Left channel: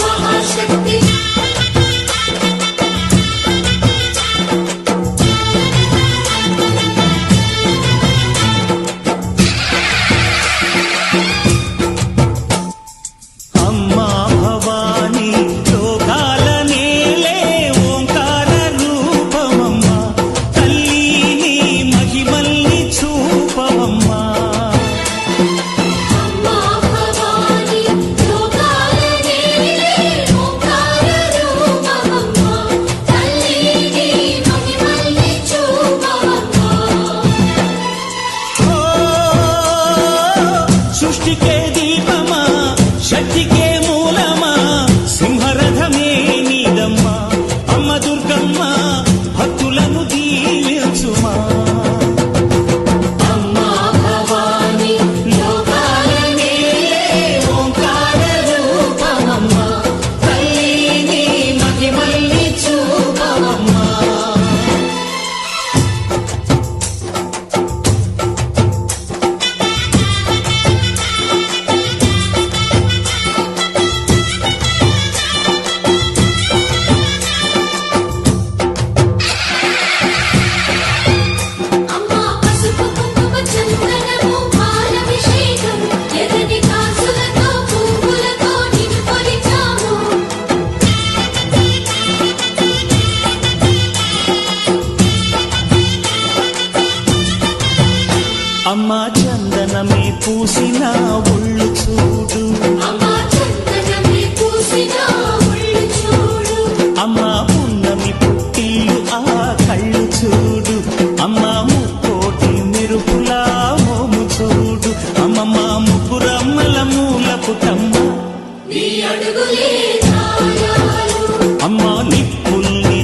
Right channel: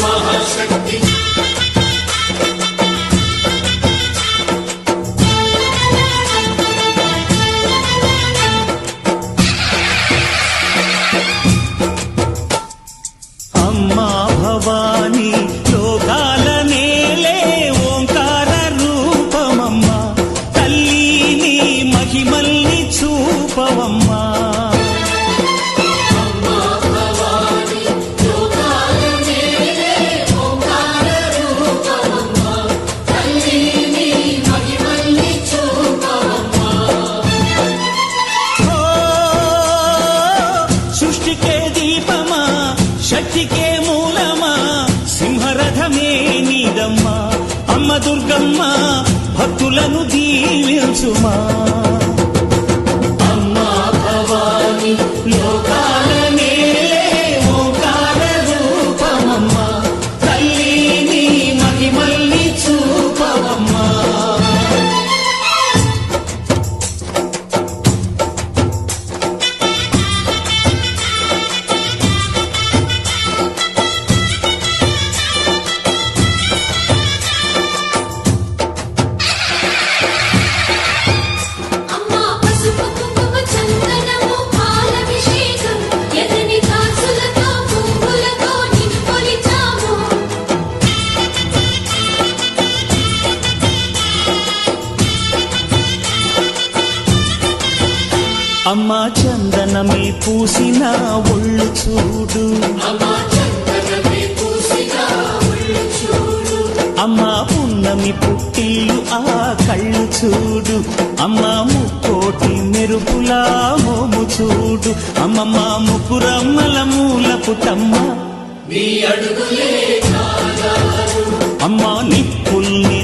మహాశక్తి అమ్మా భవాని లోకాల నేలే ఓంకార రూపమమ్మా తల్లి నీ మహిమల్ని చూపవమ్మా సృష్టికే దీపమా శక్తికే మూలమా సింహరథమే నీదమ్మా అమ్మ దుర్గమ్మ భక్తులను దీవించుమా అమ్మా భవాని లోకాల నేలే ఓంకార రూపమమ్మా తల్లి నీ మహిమల్ని చూపవమ్మా అమ్మా చందనమే పూసిన ఒళ్ళు చూడు అమ్మా పున్నమి పుట్టిల్లు ఆ కళ్ళు చూడు అమ్మా ముక్కోటి మెరుపులా మోము చూడు అమ్మమ్మ ముగ్గురమ్మల మూల పుటమ్మ నీ అడుగులే అమ్మా నిప్పుల్ని